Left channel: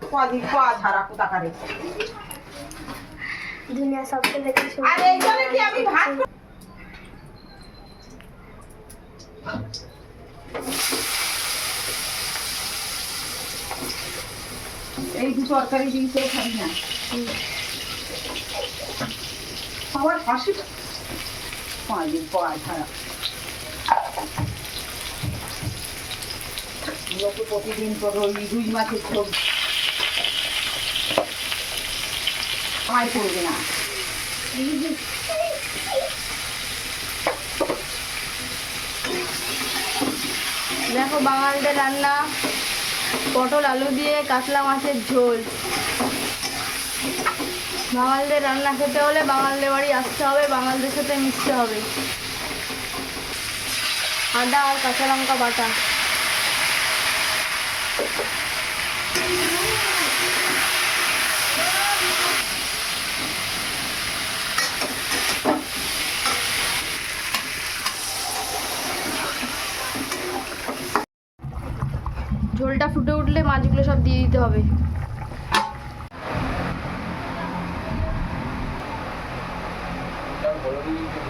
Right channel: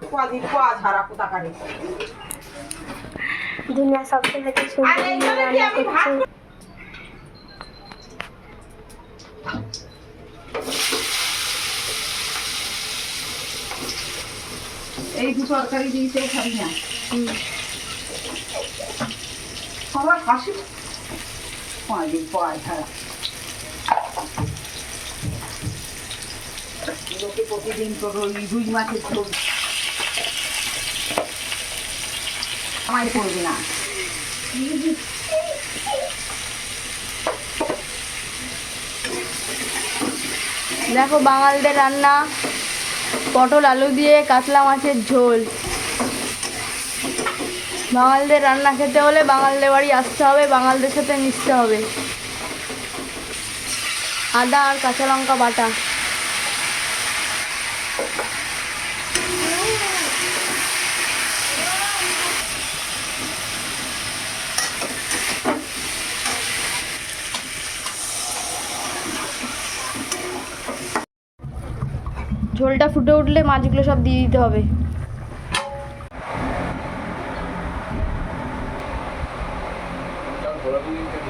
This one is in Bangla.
কদিন পা ধারা কোথাকারে দুনিয়া সবথেকে আর এইভাবে কি আমি ভাত এই দু তরকারি দিয়েছে খাবি না সবার হাসি কদিন পা ধারা লোকে প্রতিদিন তো রুই মাছের ঝোল আমায় করবে না দেখো বাঙালদের রান্না পটল আলু দিয়ে কাতলা মাছের ঝোল। বাঙালদের রান্না খেতে হলে বাঙালদের বাড়ি আসতে হবে, বাঙালদের সাথে মিশতে হবে। আদা আর কাঁচা লঙ্কা বাটা। ঝোলটা ফুটে উঠলে মাছগুলো সব দিয়ে দিতে হবে। বড়